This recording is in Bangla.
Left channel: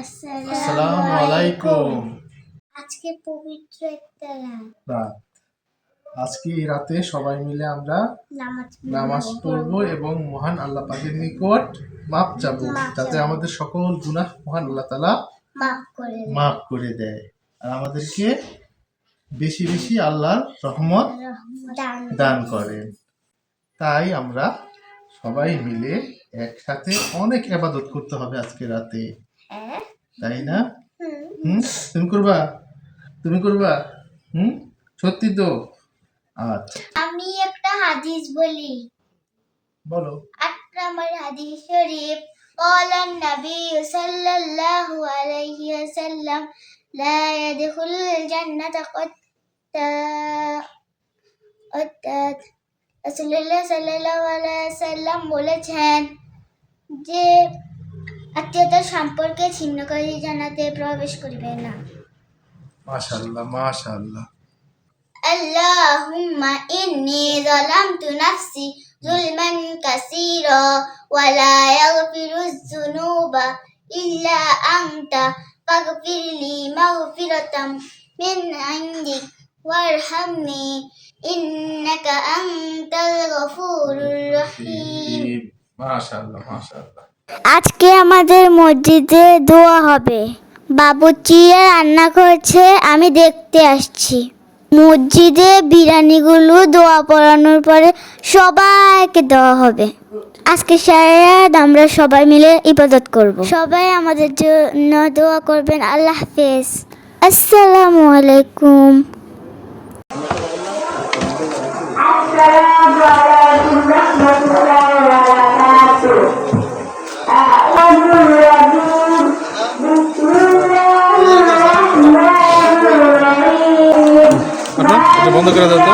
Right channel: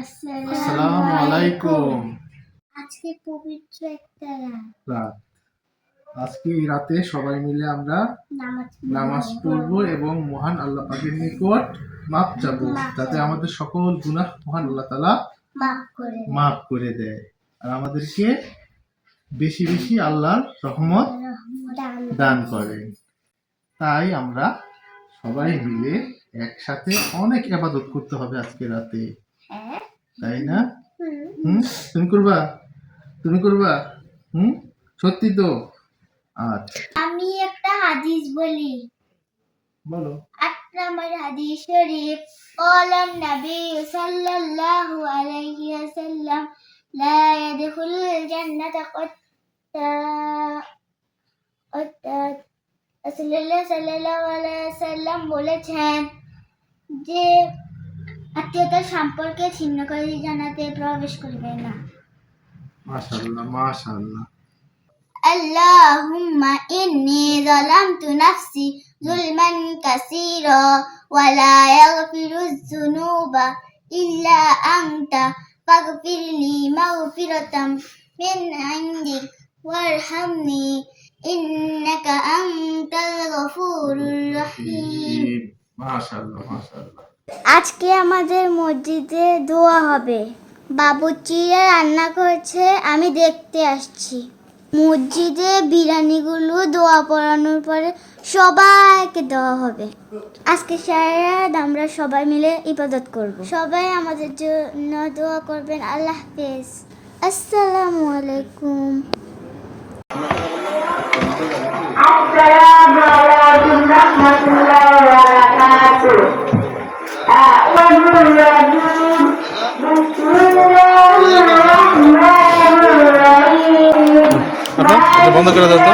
আসসালামু আলাইকুম। আজকে পবিত্র একটা রাত। আজকে এই রাতে সবাই মিলে আমরা নামাজ পড়ব এবং মহান আল্লাহ পাকের নিকট মাপ চাবো, যাতে আমাদের সকল গুনাহ মহান আল্লাহ তাআলা মাফ করে দেয় আর আমাদেরকে বেশি বেশি আল্লাহর রহমত দান করেন। তাই আমরা সবাই মিলে একসাথে অনেক ইবাদত করতে হবে আজকে রাতে, তাই না? তুমি করবা সত্যি তো? আচ্ছা, আমি একটা হাদিস বলি, বলো। আকরামাল হাদিস শরীফ قال النبي صلى الله عليه وسلم لا يدخل الجنة قتات রাসূলুল্লাহ সাল্লাল্লাহু আলাইহি ওয়াসাল্লাম বলেছেন যে আত্মীয়তার সম্পর্কে ছিন্নকারী জান্নাতে প্রবেশ করবে না। মাশাআল্লাহ মাশাআল্লাহ। اللهم إني ظلمت نفسي ظلما كثيرا ولا يغفر الذنوب إلا أنت فاغفر لي مغفرة من عندك وارحمني إنك أنت الغفور الرحيم. মাশাআল্লাহ মাশাআল্লাহ। আজকে আমাদের মসজিদে দোয়া হবে। বাবুর্চি রান্না করছে, আমি দেখতে আসছি। মসজিদে বিরিয়ানিগুলো দোয়া পড়ানোর পরে সবাইকে দেওয়া হবে। আজকে সারা রাত আমরা সবাই মিলে ইবাদত করব। সবাই আমাদের জন্য দোয়া করবেন। আল্লাহ হাফেজ। আসসালামু আলাইকুম। আসসালামু আলাইকুম রাহমাতুল্লাহি ওয়া বারাকাতুহু। বন্ধ করে দাও তো।